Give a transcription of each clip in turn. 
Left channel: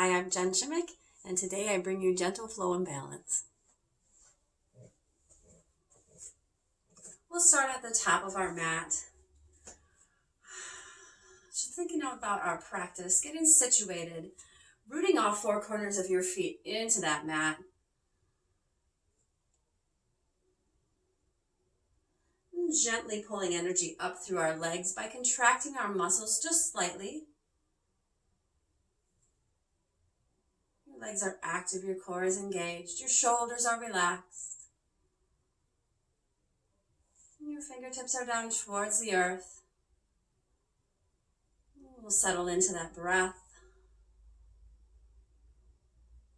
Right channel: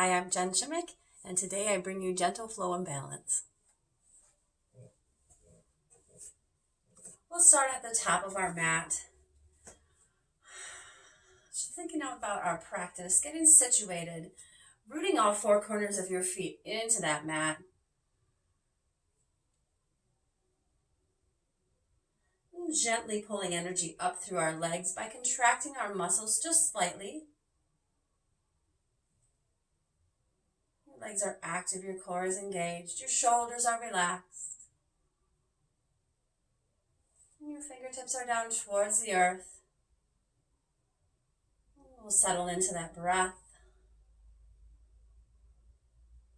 Hi, I'm Jen Chimmick, and today I bring you Gentle Flow and Balance. We'll start at the top of our mat. Just thinking about our practice, getting situated, rooting all four corners of your feet into that mat. And gently pulling energy up through our legs by contracting our muscles just slightly. Your legs are active, your core is engaged, your shoulders are relaxed. And your fingertips are down towards the earth. We'll settle into that breath.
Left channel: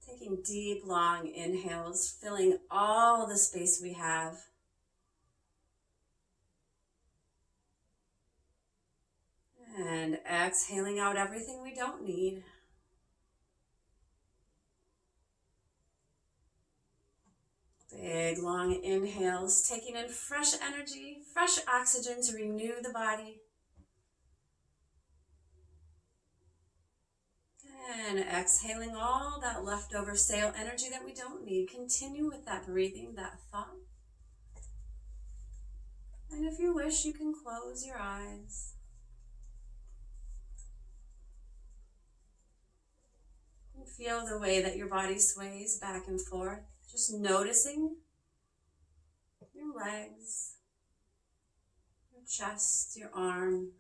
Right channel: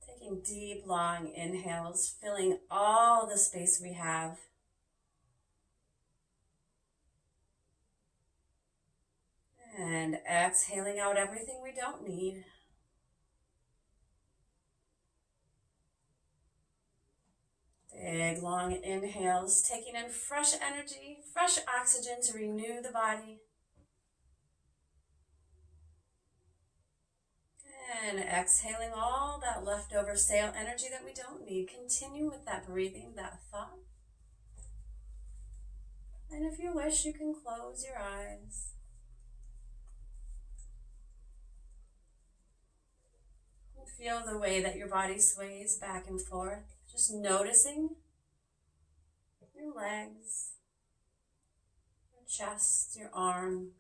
Taking deep, long inhales, filling all the space we have. And exhaling out everything we don't need. Big, long inhales, taking in fresh energy, fresh oxygen to renew the body. And exhaling all that leftover stale energy that we don't need. Continue with that breathing, that thought. And if you wish, you can close your eyes. And feel the way that your body sways back and forth. Just noticing your legs, your chest, your arms.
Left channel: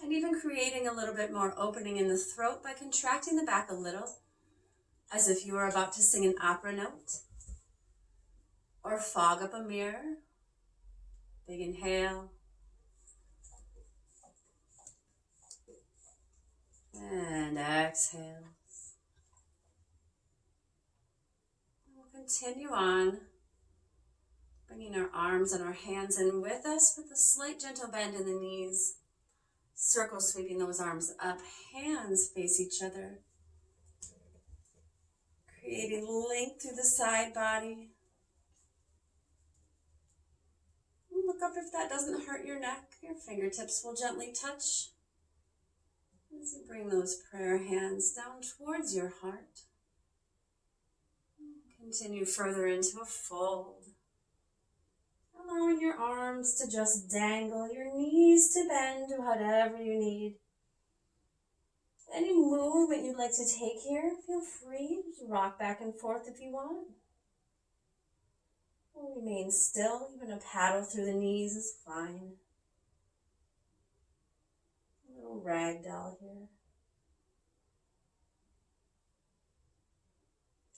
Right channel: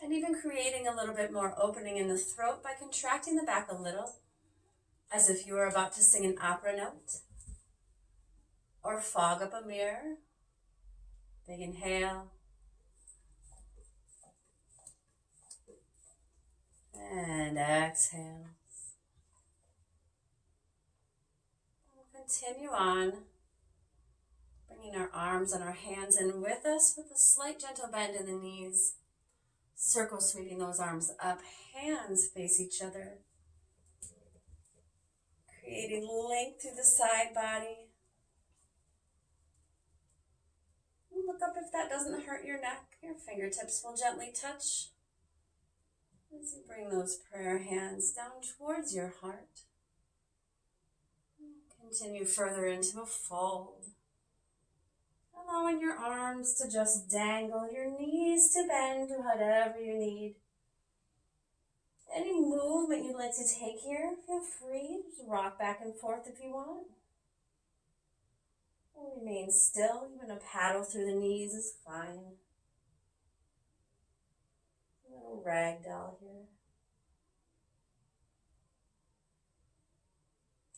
And even creating a little bit more opening in the throat by contracting the back a little, as if you are about to sing an opera note or fog up a mirror. Big inhale. And exhale. We'll continue on, bringing our arms and our hands in with us with a slight gentle bend in the knees. Circle sweeping those arms up, hands face each other. Creating length through the side body. Look up if that doesn't hurt your neck. Your fingertips will gently touch. As you bring those prayer hands down towards your heart. Continue further into a fold. Allowing your arms to just dangle, your knees to bend, whatever you need. Any movement you'd like to take here, feel free to rock back and forth if you want. Or remain still, even a paddle through the knees is fine. A little ragdoll here.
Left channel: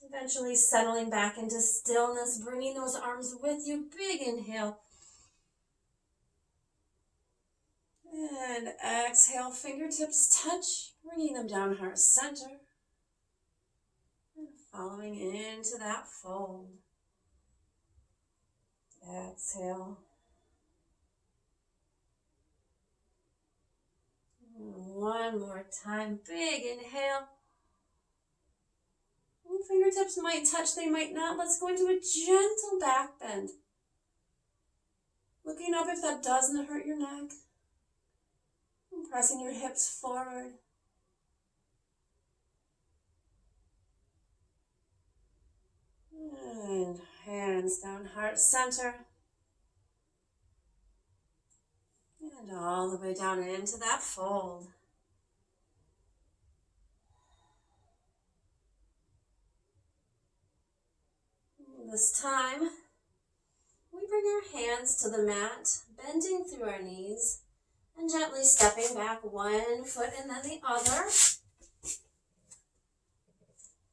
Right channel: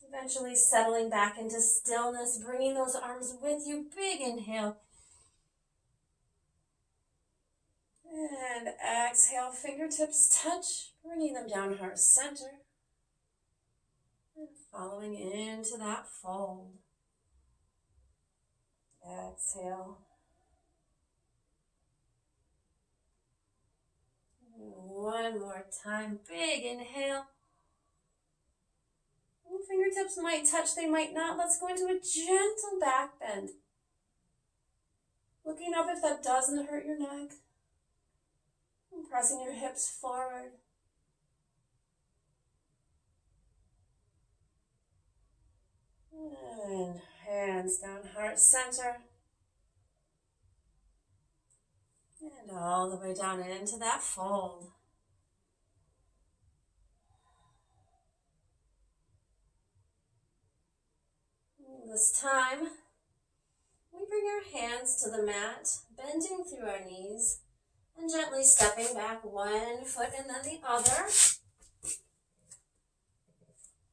Eventually settling back into stillness, bringing those arms with you. Big inhale. And exhale, fingertips touch, bringing them down heart center. And following into that fold. Exhale. And one more time, big inhale. Fingertips might touch, they might not. Let's go into a gentle back bend. Looking up if that doesn't hurt your neck. And pressing your hips forward. And hands down heart center. And all the way down into that fold. This time, we bring our hands to the mat, bending through our knees, and gently stepping back one foot and then the other.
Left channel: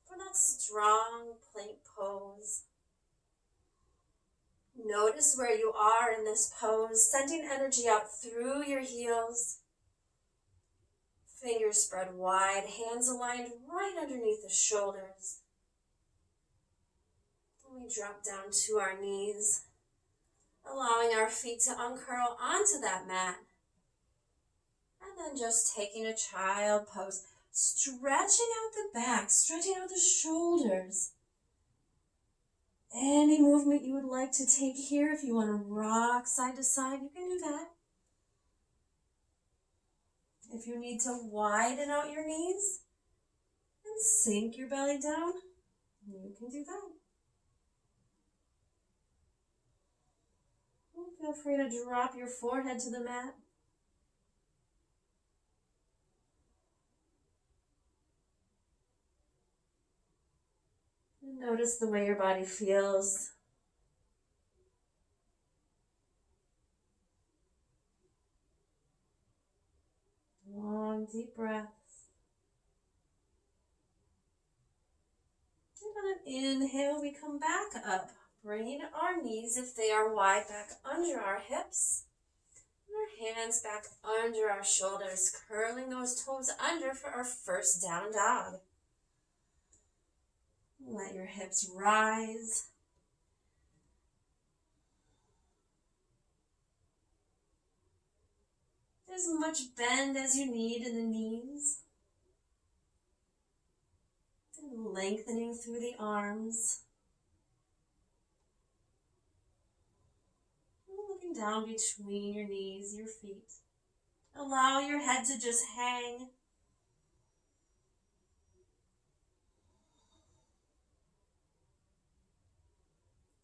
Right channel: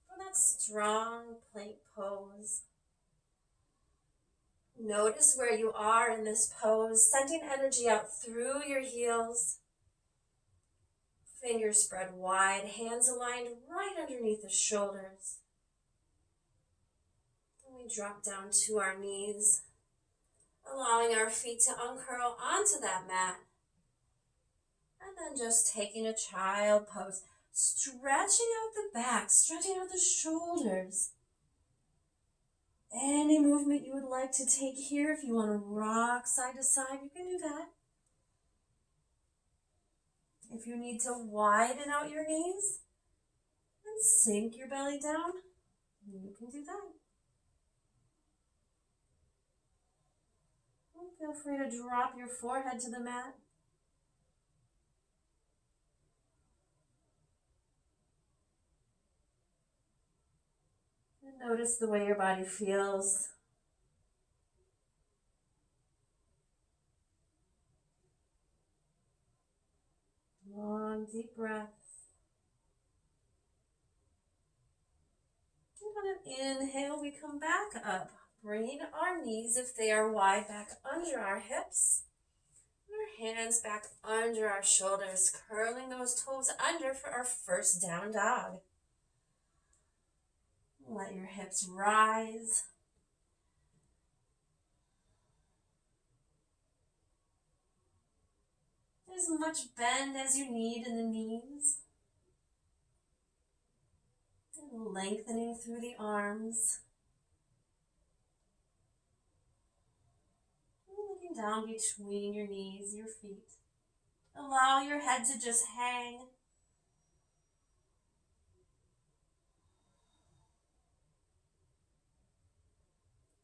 For that strong plank pose. Notice where you are in this pose, sending energy out through your heels. Fingers spread wide, hands aligned right underneath the shoulders. We drop down to our knees, allowing our feet to uncurl onto that mat. And then just taking a child pose, stretching out the back, stretching out the shoulders. Any movement you would like to take here, if you want to rock side to side, you can do that. If you need to widen out your knees and sink your belly down, you can do that. Feel free to drop your forehead to the mat. And notice the way your body feels. Long, deep breaths. And on an inhale, we come back up, bringing our knees, if they are wide, back under our hips. And our hands back under our shoulders, curling those toes under for our first down dog. Let your hips rise. As much bend as you need in the knees. And lengthening through the arms. And looking down between your knees, your feet. Allow your head to just hang.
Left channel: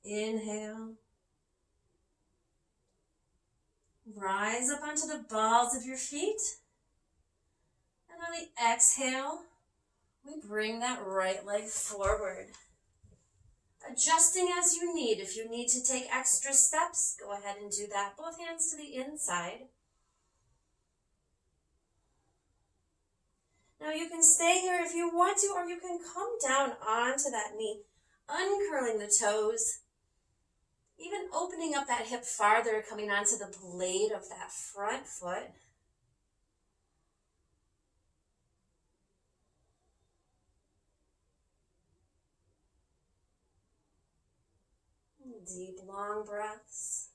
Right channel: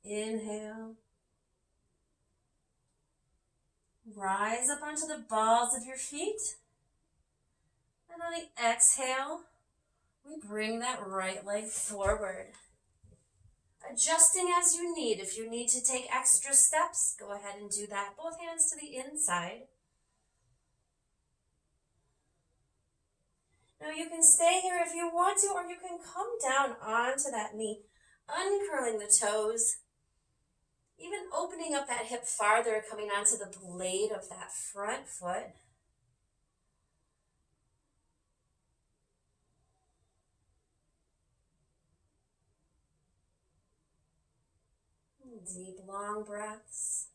Inhale. Rise up onto the balls of your feet. And on the exhale, we bring that right leg forward. Adjusting as you need. If you need to take extra steps, go ahead and do that. Both hands to the inside. Now you can stay here if you want to, or you can come down onto that knee, uncurling the toes. Even opening up that hip farther, coming onto the blade of that front foot. Deep, long breaths.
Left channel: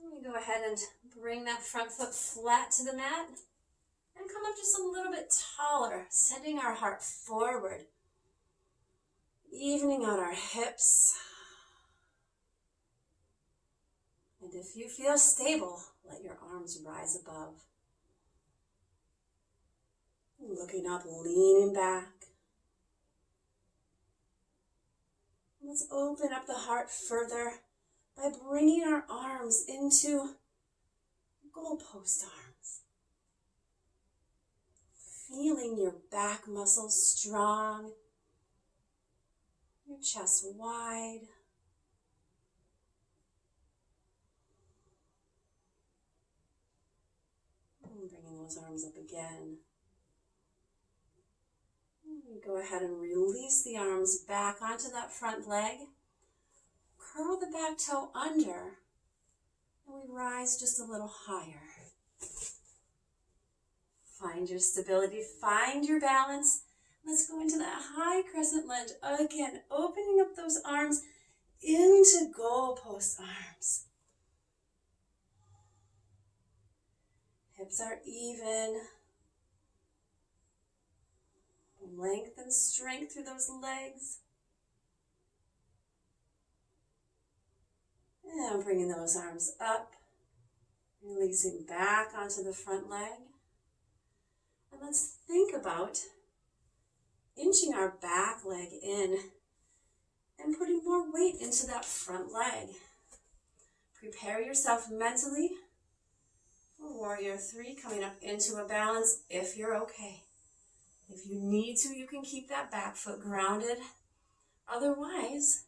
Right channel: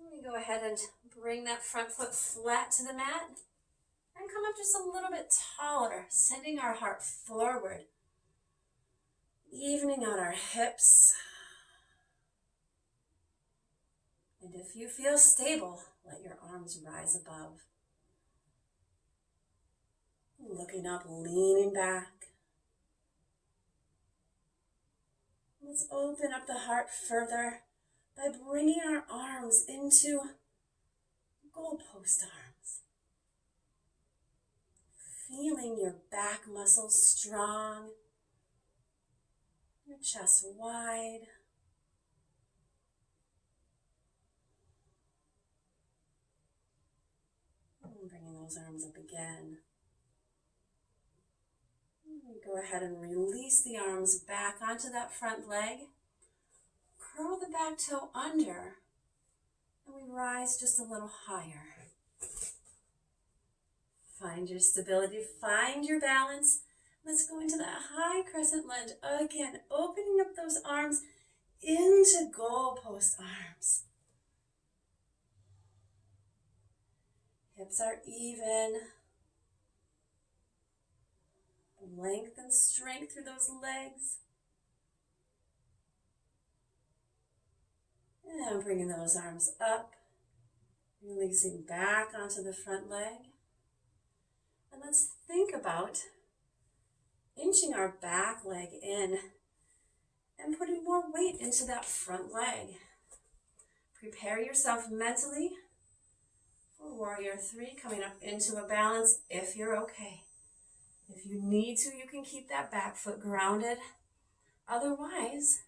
And we go ahead and bring that front foot flat to the mat. And come up just a little bit taller, sending our heart forward. Evening out our hips. And if you feel stable, let your arms rise above. Looking up, leaning back. Let's open up the heart further by bringing our arms into goalpost arms. Feeling your back muscles strong, your chest wide. And bringing those arms up again. Go ahead and release the arms back onto that front leg. Curl the back toe under, and we rise just a little higher. Find your stability, find your balance. Let's go into that high crescent lunge. Again, opening up those arms into goalpost arms. Hips are even. Length and strength through those legs. And bringing those arms up, releasing back onto the front leg. And let's think about inching our back leg in and putting more weight into that front leg. Prepare yourself mentally for Warrior 3, coming up into a balance if you're okay. If you need to, you can keep that back foot grounded. Otherwise,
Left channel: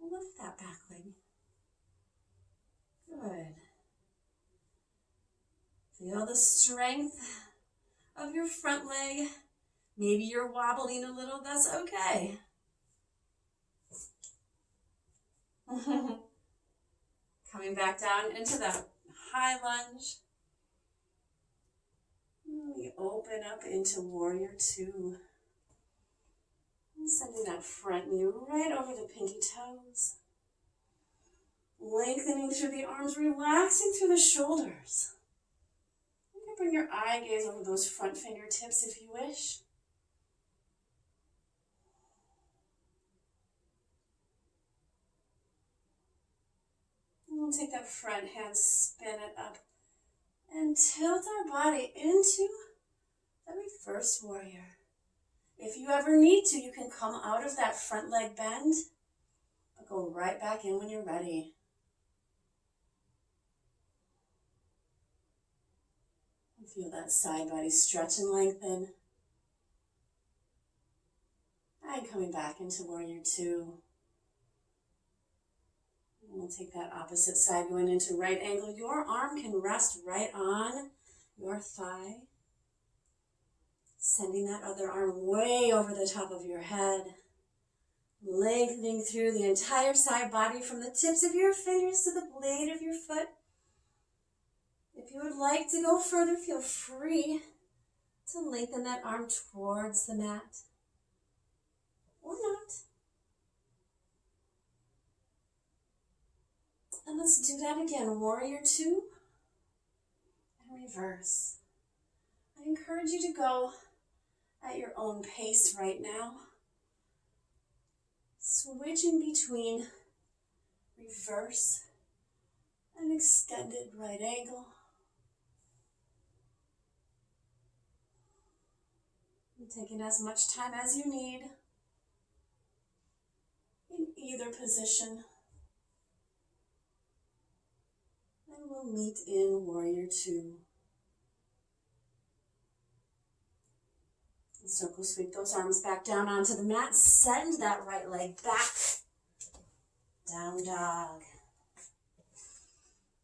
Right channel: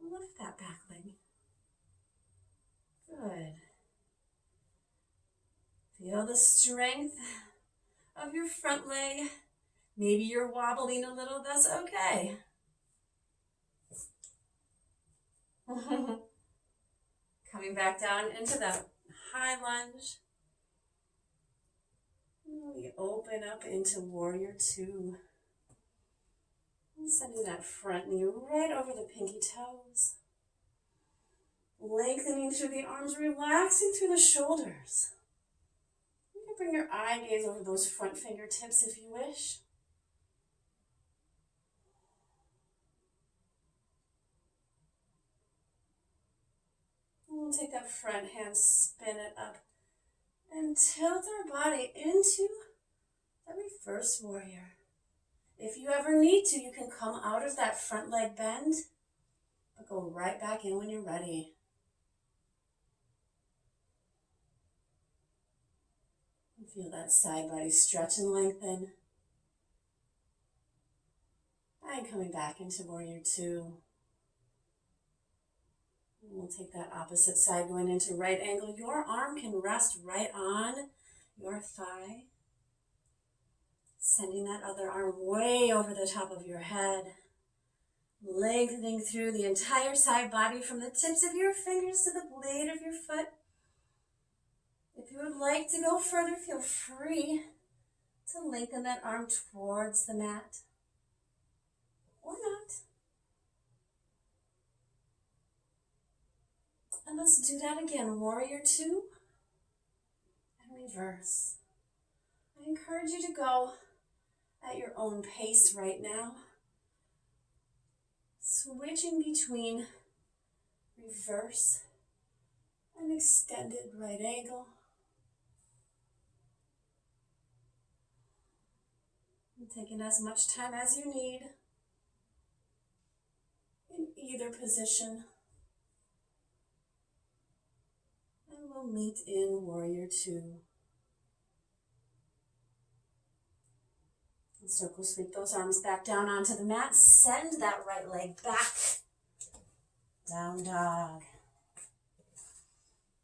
lift that back leg. Good. Feel the strength of your front leg. Maybe you're wobbling a little, that's okay. Coming back down into that high lunge. We open up into Warrior 2. And sending that front knee right over the pinky toes. Lengthening through the arms, relaxing through the shoulders. You can bring your eye gaze over those front fingertips if you wish. take that front hand, spin it up, and tilt our body into the reverse warrior. If you ever need to, you can come out of that front leg bend, but go right back in when you're ready. Feel that side body stretch and lengthen. And coming back into warrior two. And we'll take that opposite side going into right angle. Your arm can rest right on your thigh. Sending that other arm way over the top of your head. Lengthening through the entire side body from the tips of your fingers to the blade of your foot. If you would like to go further, feel free to lengthen that arm towards the mat. Or not. And let's do that again. Warrior two and reverse. I encourage you to go at your own pace right now. Switching between reverse and extended right angle. And taking as much time as you need in either position. And we'll meet in warrior two. And circle sweep those arms back down onto the mat. Send that right leg back. Down dog.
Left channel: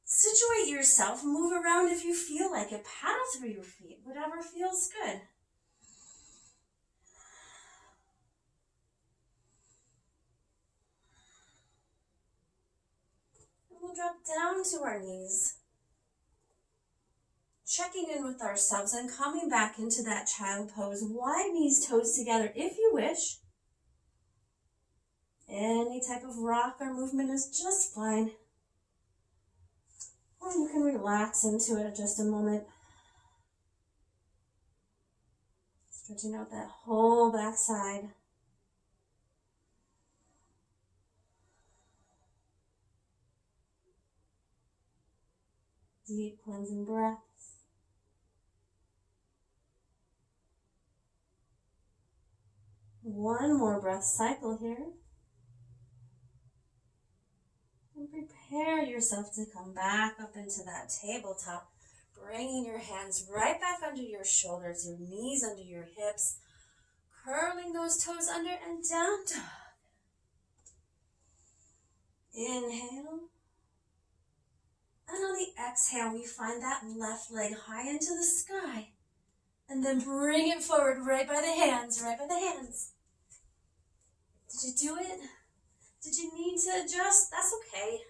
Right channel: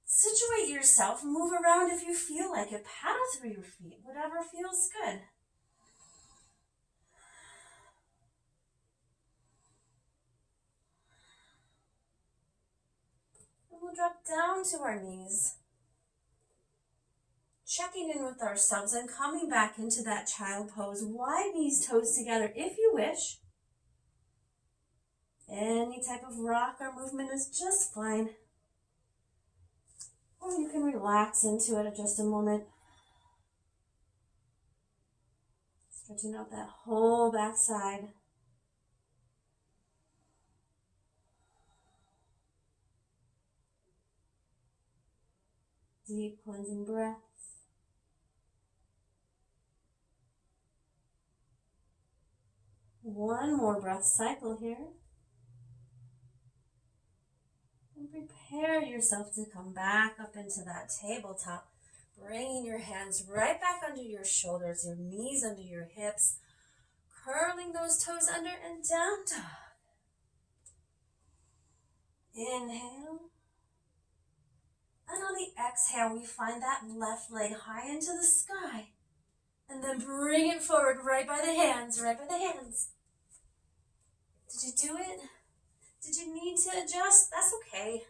Situate yourself. Move around if you feel like it. Paddle through your feet. Whatever feels good. We'll drop down to our knees, checking in with ourselves and coming back into that child pose. Wide knees, toes together if you wish. Any type of rock or movement is just fine. Or you can relax into it at just a moment. Stretching out that whole back side. Deep cleansing breaths. One more breath cycle here. And prepare yourself to come back up into that tabletop, bringing your hands right back under your shoulders, your knees under your hips, curling those toes under and down dog. Inhale. And on the exhale, we find that left leg high into the sky. And then bring it forward right by the hands, right by the hands. Did you do it? Did you need to adjust? That's okay.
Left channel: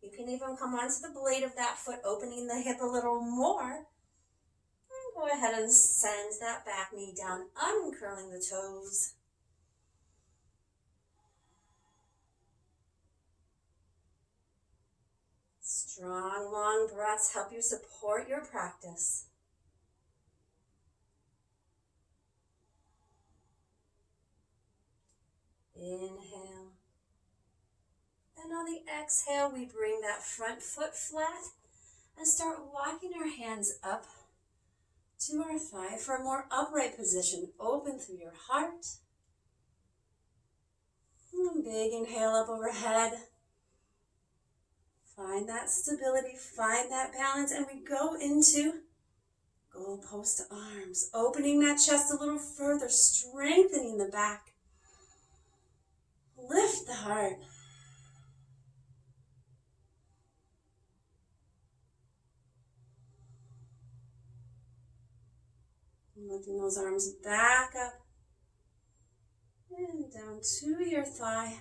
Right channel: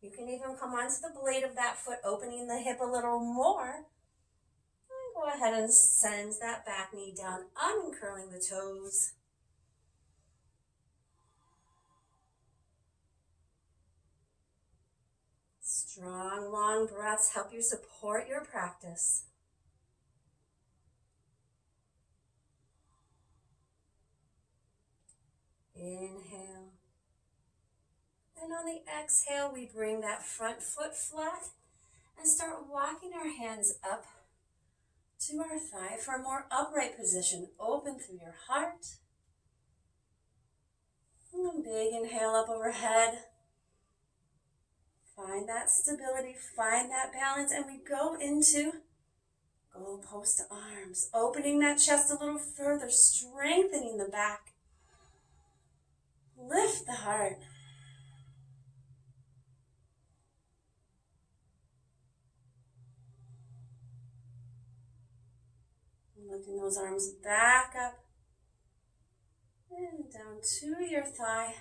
You can even come onto the blade of that foot, opening the hip a little more. And go ahead and send that back knee down, uncurling the toes. Strong, long breaths help you support your practice. Inhale. And on the exhale, we bring that front foot flat and start walking our hands up to our thigh for a more upright position. Open through your heart. And a big inhale up overhead. Find that stability, find that balance, and we go into goalpost arms, opening that chest a little further, strengthening the back. Lift the heart. Lifting those arms back up and down to your thigh.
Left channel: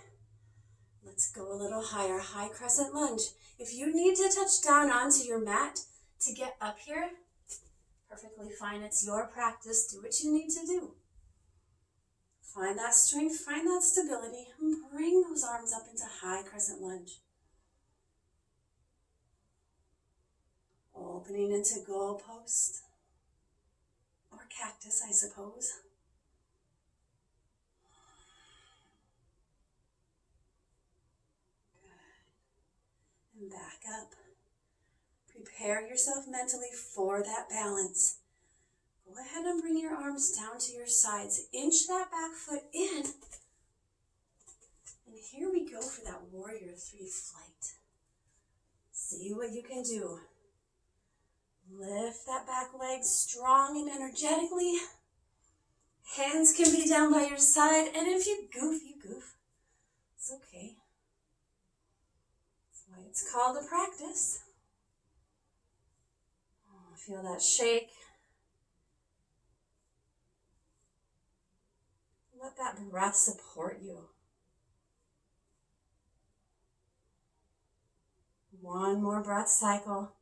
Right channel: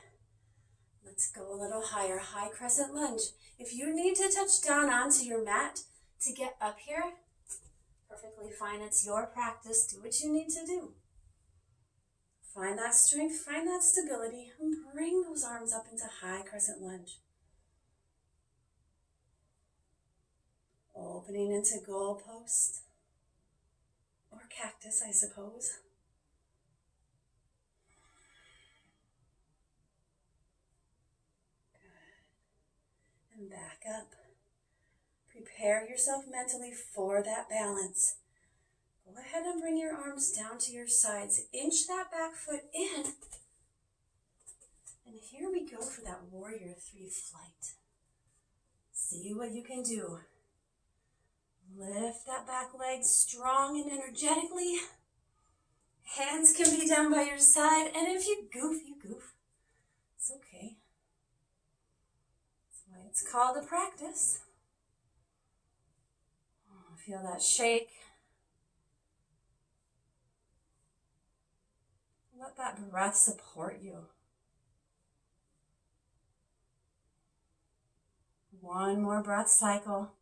Let's go a little higher, high crescent lunge. If you need to touch down onto your mat to get up here, perfectly fine. It's your practice. Do what you need to do. Find that strength, find that stability, and bring those arms up into high crescent lunge. Opening into goalpost, or cactus, I suppose. And back up. Prepare yourself mentally for that balance. Go ahead and bring your arms down to your sides. Inch that back foot in. And here we go for that warrior 3 flight. See what you can do. Lift that back leg strong and energetically. Hands can be down by your side, and if you goof, you goof. It's okay. That's why it's called a practice. Feel that shake. Let that breath support you. One more breath cycle.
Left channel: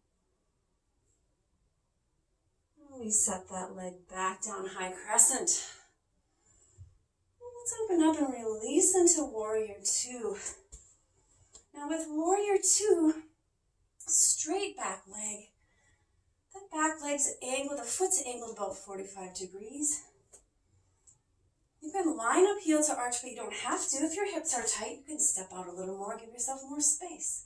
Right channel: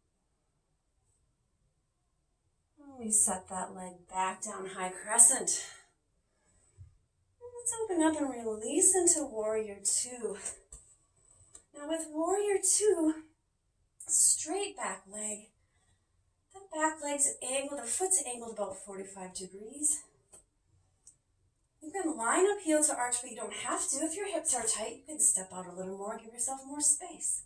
We set that leg back down, high crescent. Let's open up and release into warrior 2. Now with warrior 2, straight back leg. That back leg's angled, the foot's angled about 45 degrees. You can line up heel to arch, but you don't have to. If your hips are tight, you can step out a little more, give yourself more space.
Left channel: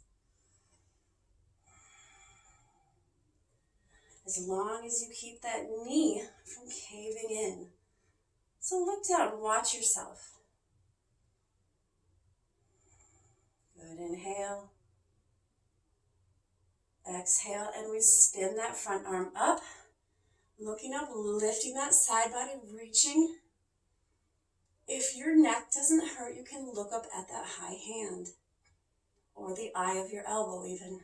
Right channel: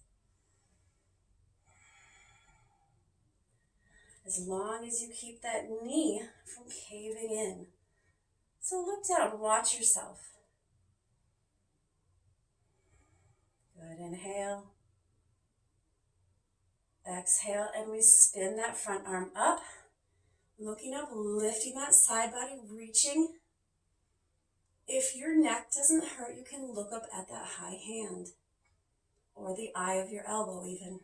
As long as you keep that knee from caving in. So look down, watch yourself. Good, inhale. Exhale, and we spin that front arm up. Looking up, lifting that side body, reaching. If your neck doesn't hurt, you can look up at that high hand. Or the eye of your elbow even.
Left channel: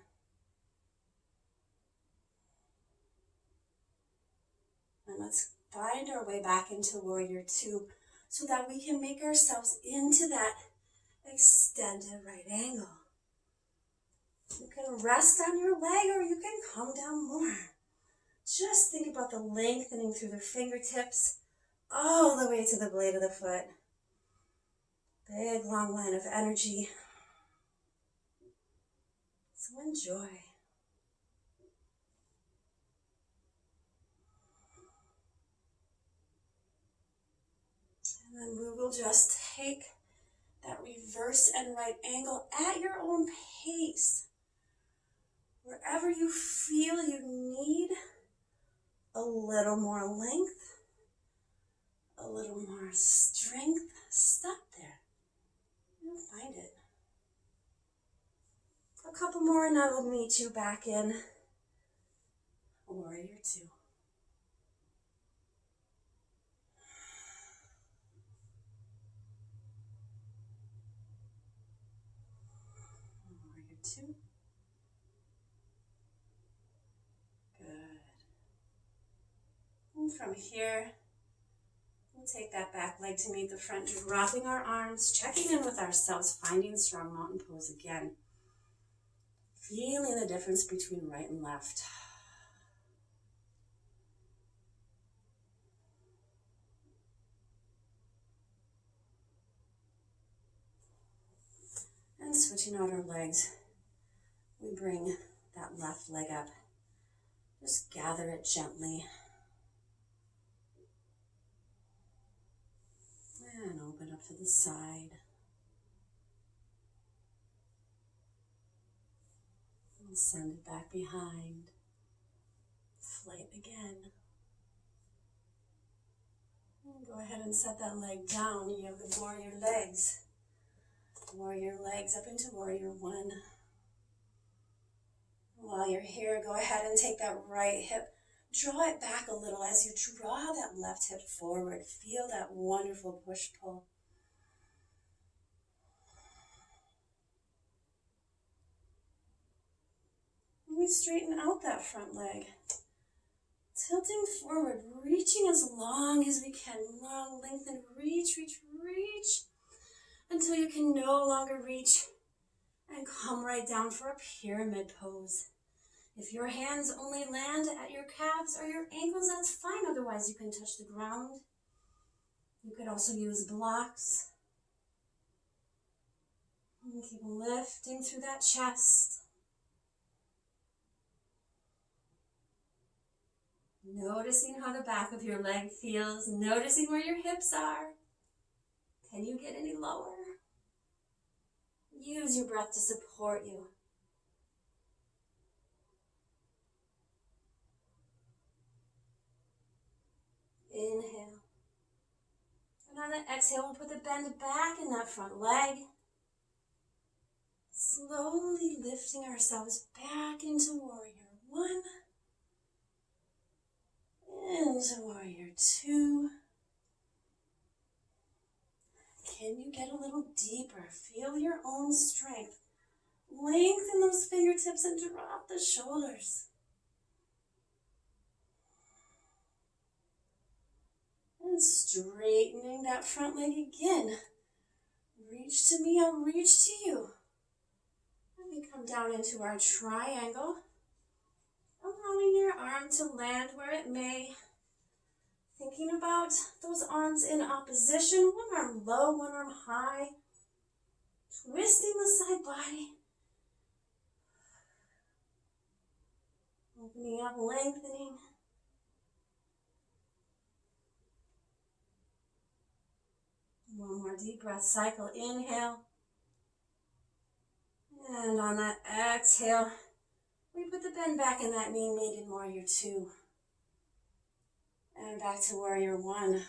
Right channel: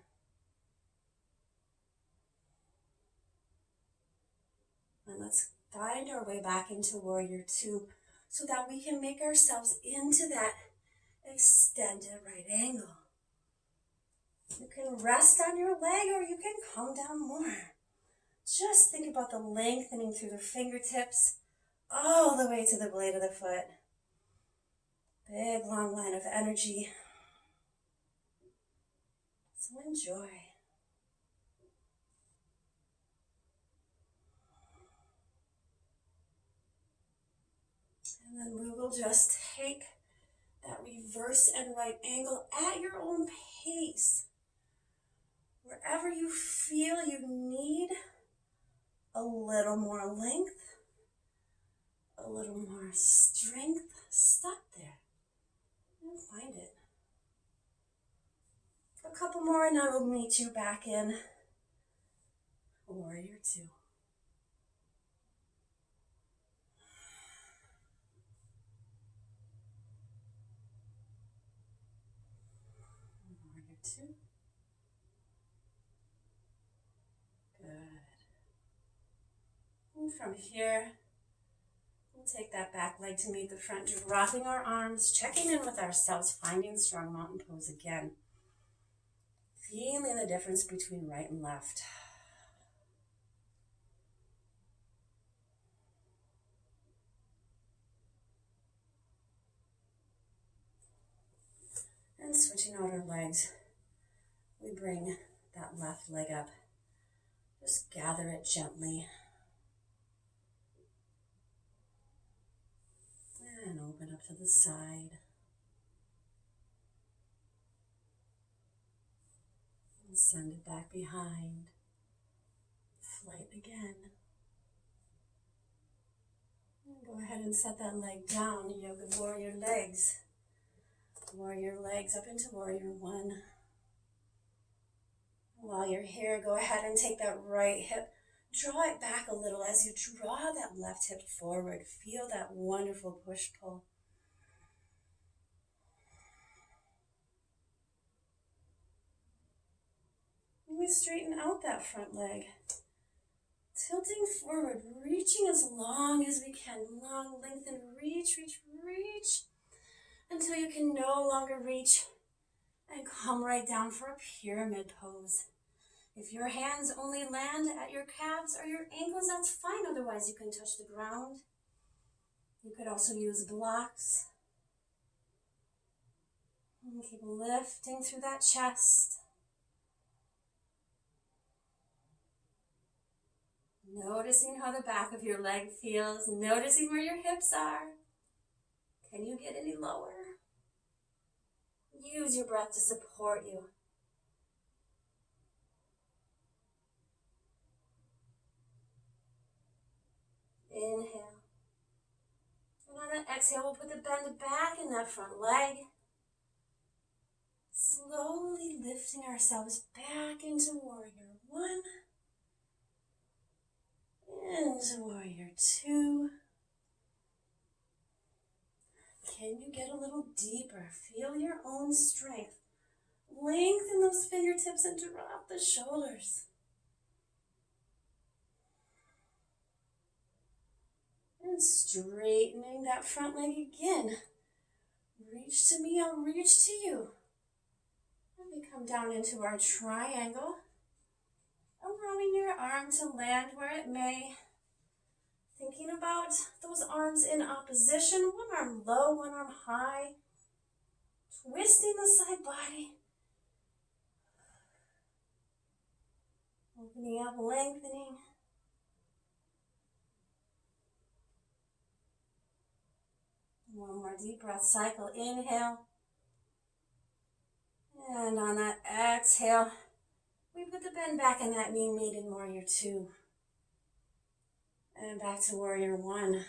And let's find our way back into warrior 2 so that we can make ourselves into that extended right angle. You can rest on your leg or you can come down more. Just think about the lengthening through the fingertips all the way to the blade of the foot. Big long line of energy. So enjoy. And then we will just take that reverse and right angle at your own pace. Wherever you feel you need a little more length, a little more strength, stop there. You'll find it. A couple more and I will meet you back in warrior 2. Warrior 2. Good. And from here, we'll take that back leg to meet the front, dropping our arms, checking in with ourselves, finding strong mountain pose again. Feeling the difference between right and left. And switching out our legs, we bring that left leg up. Just gather it gently. And open up to the side. And send it back behind. Flight again. And go ahead and set that leg down. You have the warrior legs. Warrior legs up into warrior 1. While you're here, go ahead and take that right hip. Draw it back a little as you draw that left hip forward. Feel that wonderful push-pull. We straighten out that front leg. Tilting forward, reaching as long as we can. Long, lengthen, reach, reach, reach. Until you can no longer reach. And come right down for a pyramid pose. If your hands only land at your calves or your ankles, that's fine. Otherwise, you can touch the ground. You could also use blocks. And keep lifting through that chest. Noticing how the back of your leg feels. Noticing where your hips are. Can you get any lower? Use your breath to support you. Inhale. And on the exhale, we'll put the bend back in that front leg. Slowly lifting ourselves back into warrior one. Into warrior two. Can you get a little deeper? Feel your own strength. Lengthen those fingertips and drop the shoulders. And straightening that front leg again. Reach to me, I'll reach to you. And we come down into our triangle. Allowing your arm to land where it may. Thinking about those arms in opposition. One arm low, one arm high. Twisting the side body. Opening up, lengthening. One more deep breath cycle. Inhale. And on that exhale, we put the bend back in that knee made in warrior two. And back to warrior one.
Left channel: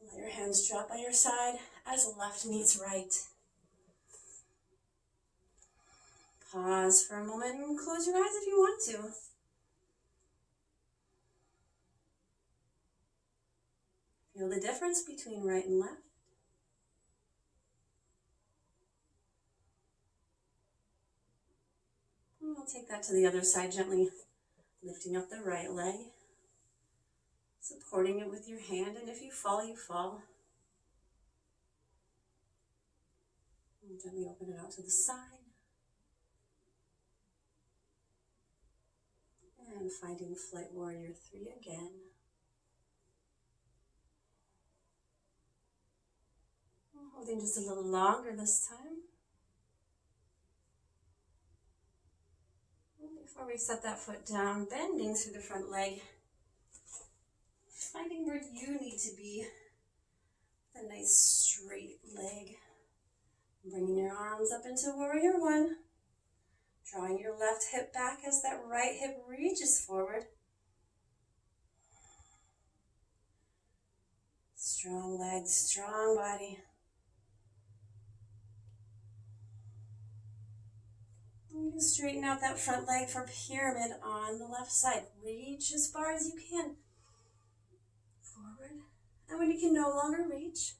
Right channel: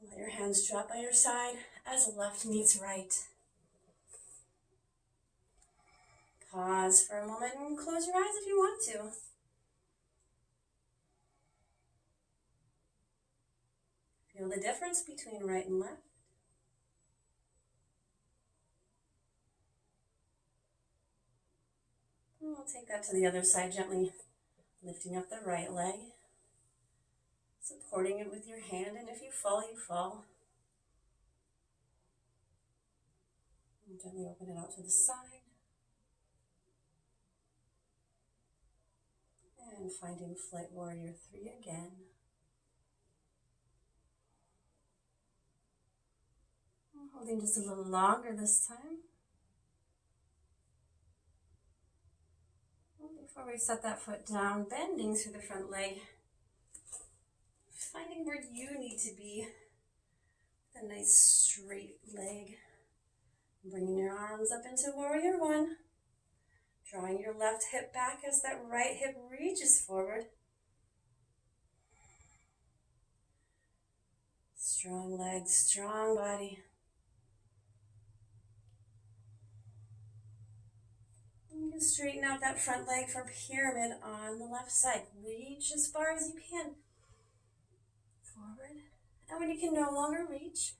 Let your hands drop by your side as left meets right. Pause for a moment and close your eyes if you want to. Feel the difference between right and left. And we'll take that to the other side gently, lifting up the right leg, supporting it with your hand, and if you fall, you fall. And gently open it out to the side. And finding flight warrior three again. Holding just a little longer this time. Before we set that foot down, bending through the front leg. Finding where you need to be with a nice straight leg. Bringing your arms up into warrior one. Drawing your left hip back as that right hip reaches forward. Strong legs, strong body. You straighten out that front leg for pyramid on the left side. Reach as far as you can. Forward. And when you can no longer reach,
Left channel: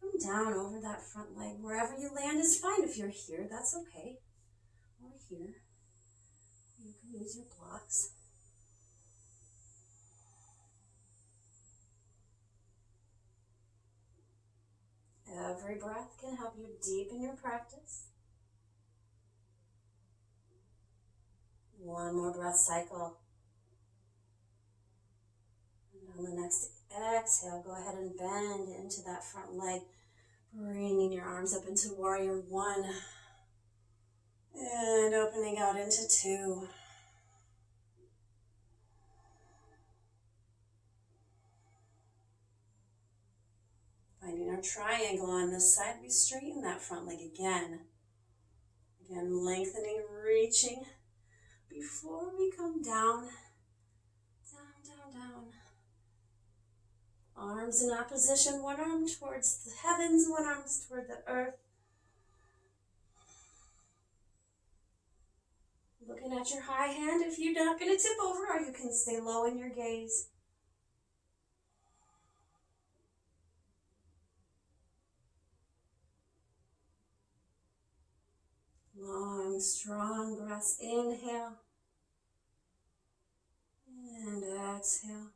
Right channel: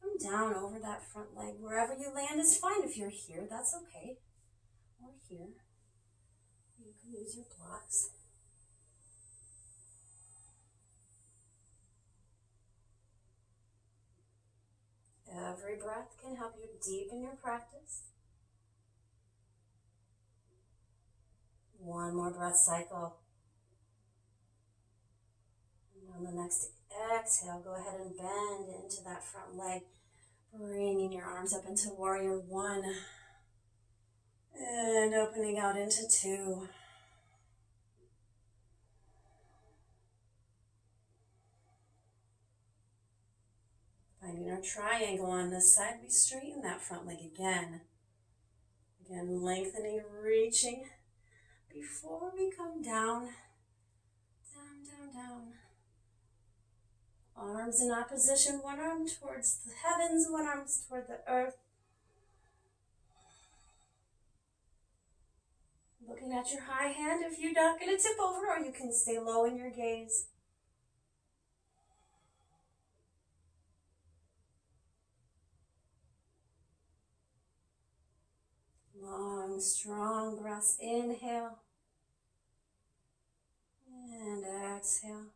come down over that front leg. Wherever you land is fine. If you're here, that's okay. Or here. You can use your blocks. Every breath can help you deepen your practice. One more breath cycle. And on the next exhale, go ahead and bend into that front leg, bringing your arms up into warrior one. And opening out into two. Finding our triangle on this side, we straighten that front leg again. Again, lengthening, reaching. Before we come down, down, down, down. Arms in opposition, one arm towards the heavens, one arm toward the earth. Looking at your high hand if you're not going to tip over, or you can stay low in your gaze. Long, strong breaths. Inhale. And exhale.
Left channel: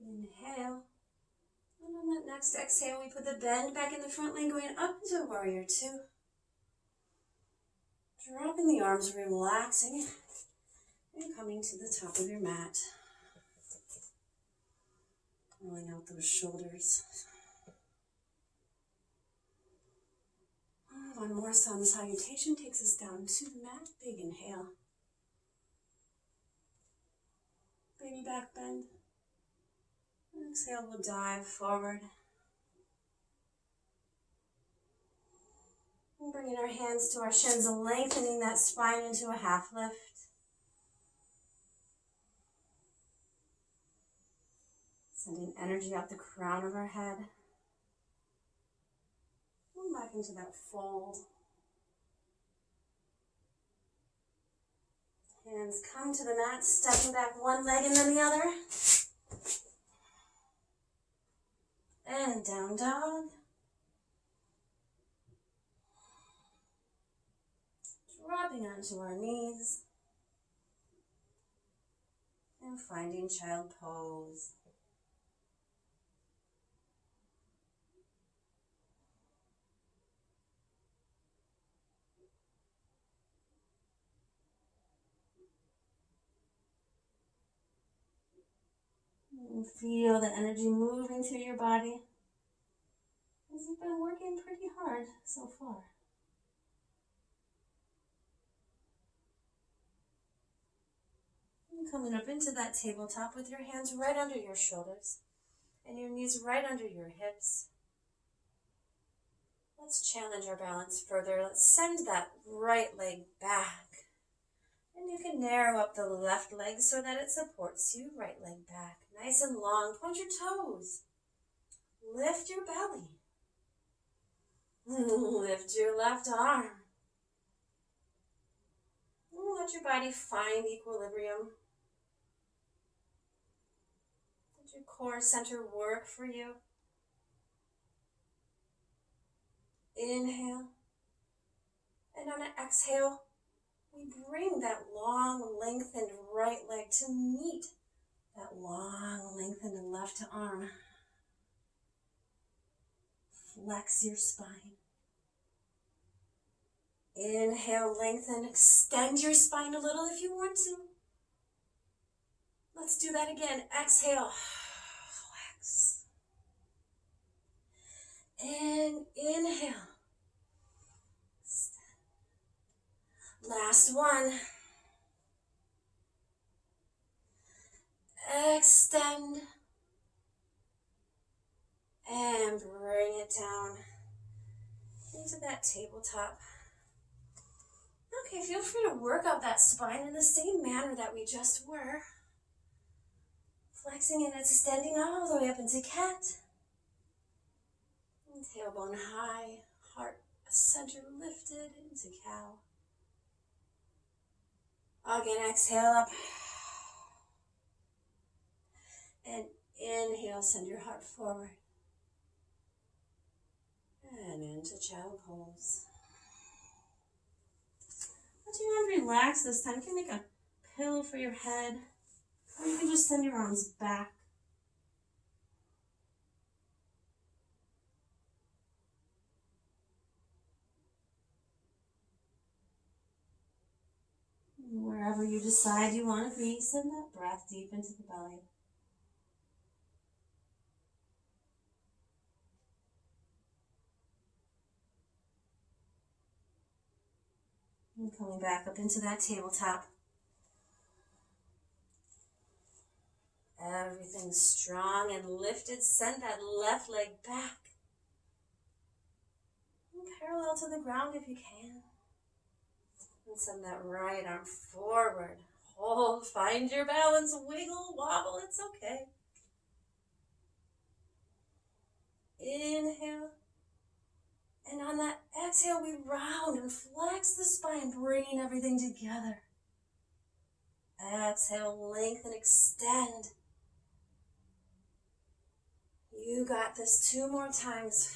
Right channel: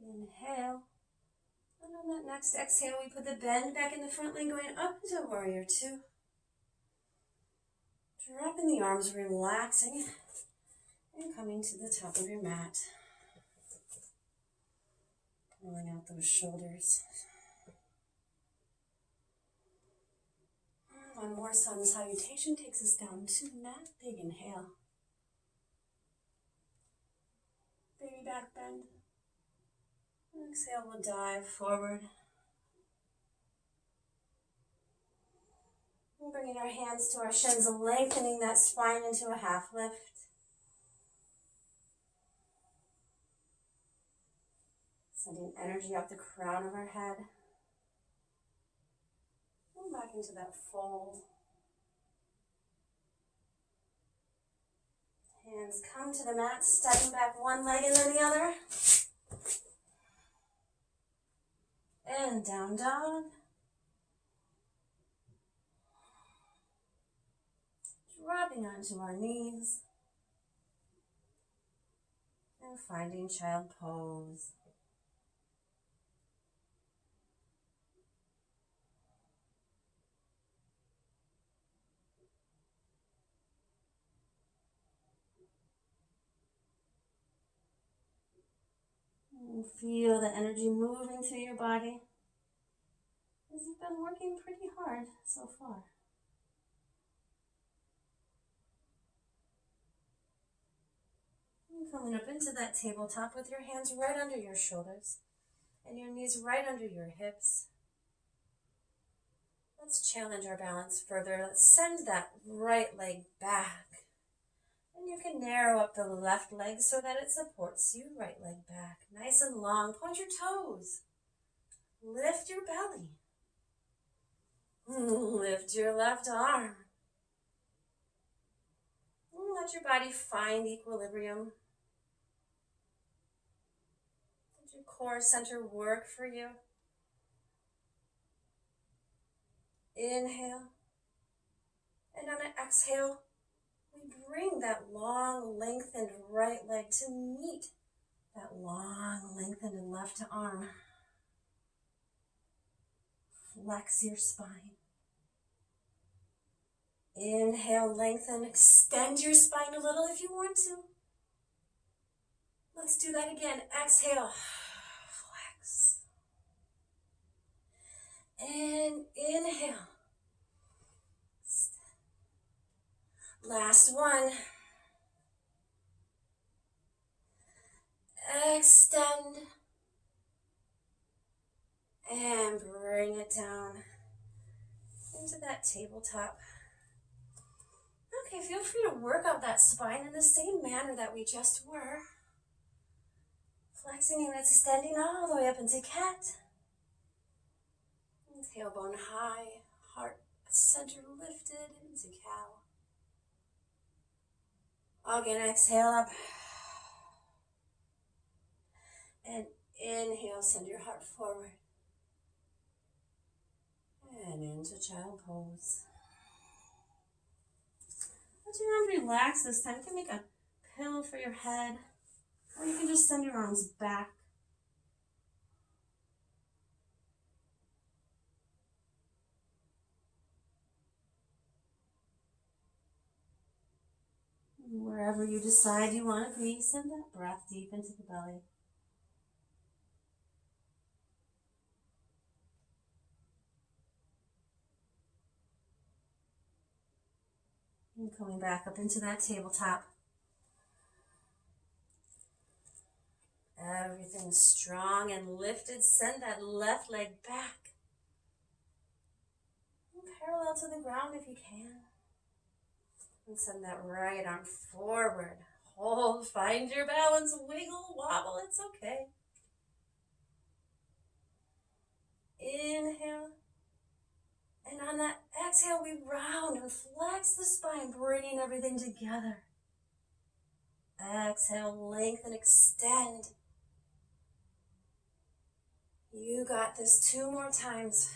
Inhale. And on that next exhale, we put the bend back in the front leg, going up into warrior two. Dropping the arms, relaxing, and coming to the top of your mat. Rolling out those shoulders. One more sun salutation takes us down to the mat. Big inhale. Baby back bend. Exhale, we'll dive forward. And bringing our hands to our shins, lengthening that spine into a half lift. Sending energy up the crown of our head. Come back into that fold. Hands come to the mat, stepping back one leg and then the other. And down dog. Dropping onto our knees. And finding child pose. And feel the energy moving through your body as you've been working pretty hard so far. And coming up into that tabletop with your hands right under your shoulders and your knees right under your hips. Let's challenge our balance further. Let's send that right leg back. And you can narrow up the left leg so that it supports you. Right leg back. Nice and long. Point your toes. Lift your belly. Lift your left arm. And let your body find equilibrium. Let your core center work for you. Inhale. And on an exhale, we bring that long, lengthened right leg to meet that long, lengthened left arm. Flex your spine. Inhale, lengthen, extend your spine a little if you want to. Let's do that again. Exhale, flex. And inhale. Last one. Extend. And bring it down into that tabletop. Okay, feel free to work out that spine in the same manner that we just were. Flexing and extending all the way up into cat. And tailbone high, heart center lifted into cow. Again, exhale up. And inhale, send your heart forward. And into child pose. Let your arms relax this time. You can make a pillow for your head. Or you can just send your arms back. Wherever you decide you want to be, send that breath deep into the belly. And coming back up into that tabletop. Everything's strong and lifted. Send that left leg back. And parallel to the ground if you can. And send that right arm forward. Hold, find your balance, wiggle, wobble, it's okay. Inhale. And on that exhale, we round and flex the spine, bringing everything together. Exhale, lengthen, extend. You got this. 2 more times.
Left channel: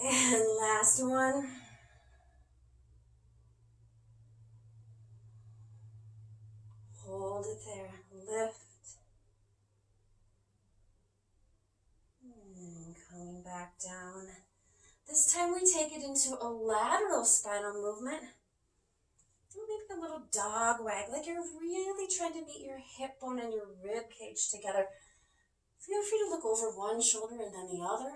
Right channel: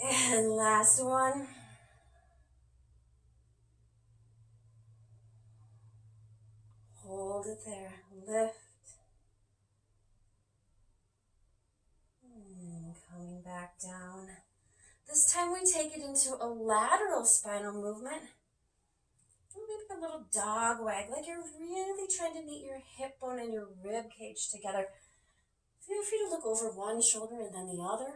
And last one. Hold it there. Lift. And coming back down. This time we take it into a lateral spinal movement. Maybe a little dog wag, like you're really trying to meet your hip bone and your rib cage together. Feel free to look over one shoulder and then the other.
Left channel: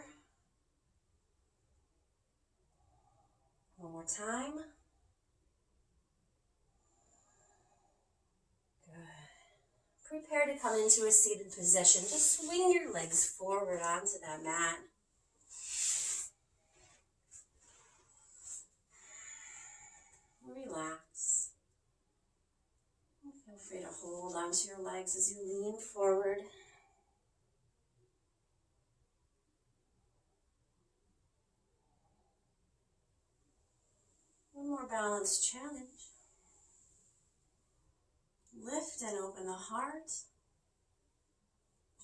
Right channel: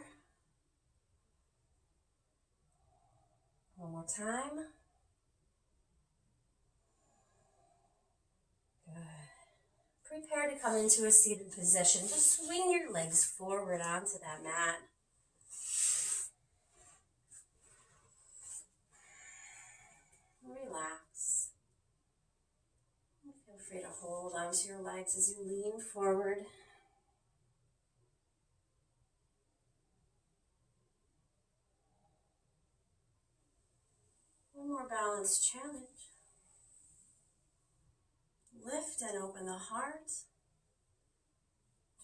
One more time. Good. Prepare to come into a seated position. Just swing your legs forward onto that mat. Relax. hold onto your legs as you lean forward. One more balance challenge. Lift and open the heart.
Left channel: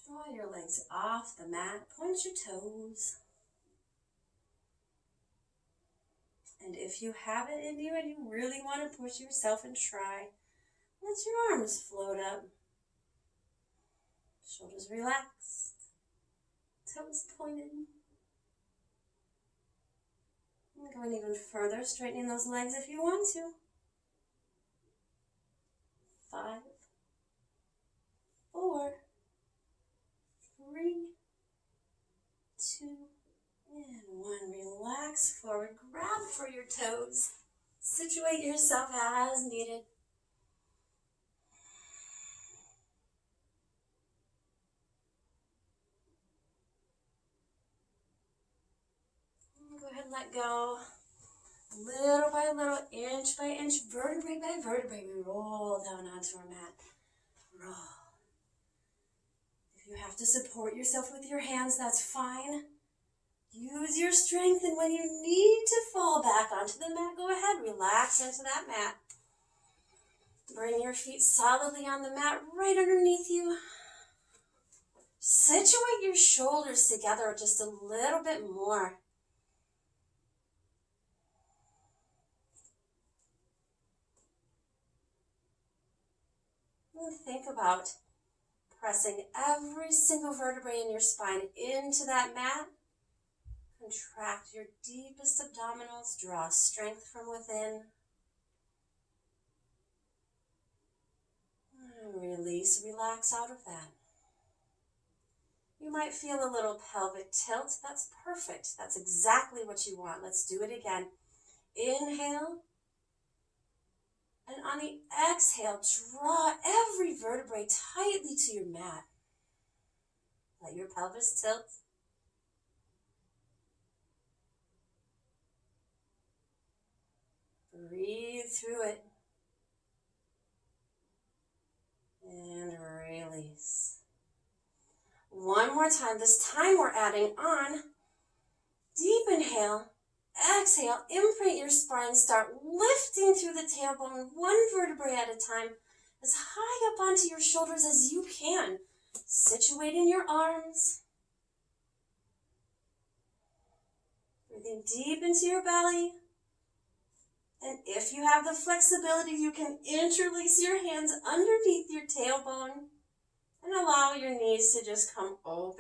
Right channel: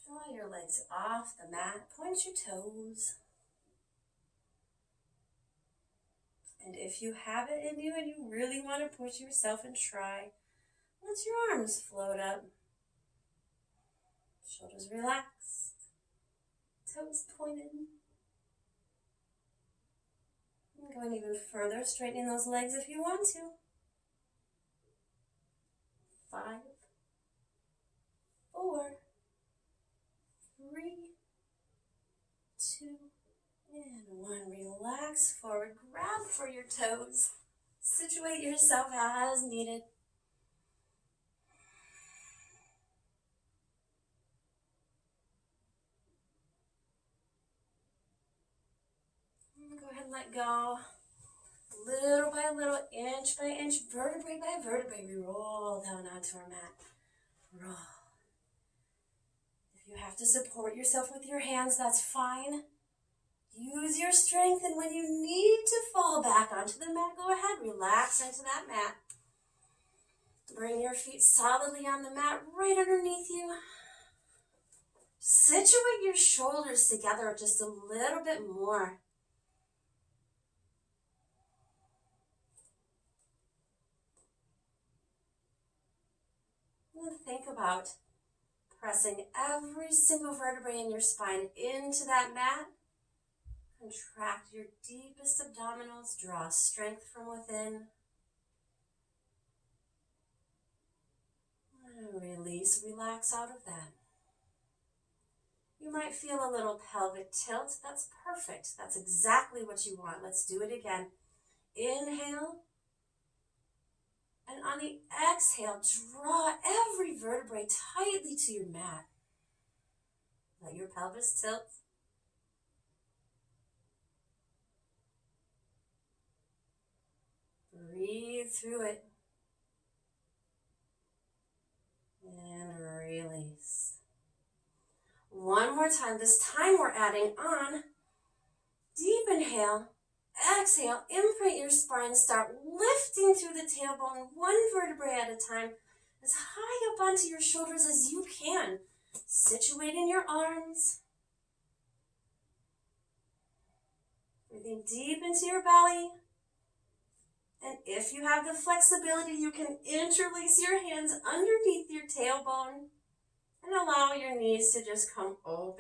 Draw your legs off the mat. Point your toes. And if you have it in you and you really want to push yourself and try, let your arms float up. Shoulders relaxed. Toes pointed. And going even further, straightening those legs if you want to. 5, 4, 3, 2, and 1. Relax forward. Grab for your toes. Situate yourself as needed. Go ahead and let go. Little by little, inch by inch, vertebrae by vertebrae, we roll down onto our mat. Roll. If you have to support yourself with your hands, that's fine. Use your strength, and when you need to fall back onto the mat, go ahead, relax into that mat. Bring your feet solidly on the mat, right underneath you. Situate your shoulders together just a little bit more. And think about pressing every single vertebrae in your spine into that mat. Contract your deepest abdominals. Draw strength from within. And release, relax out of that. You might feel a little pelvic tilt. That's perfect. That's exactly what you want. Let's do it again. Inhale. And on the exhale, draw every vertebrae tightly to your mat. Let your pelvis tilt. Breathe through it. And release. One more time. This time we're adding on. Deep inhale. Exhale, imprint your spine, start lifting through the tailbone, one vertebrae at a time, as high up onto your shoulders as you can. Situating your arms. Breathing deep into your belly. And if you have the flexibility, you can interlace your hands underneath your tailbone and allow your knees to just come open.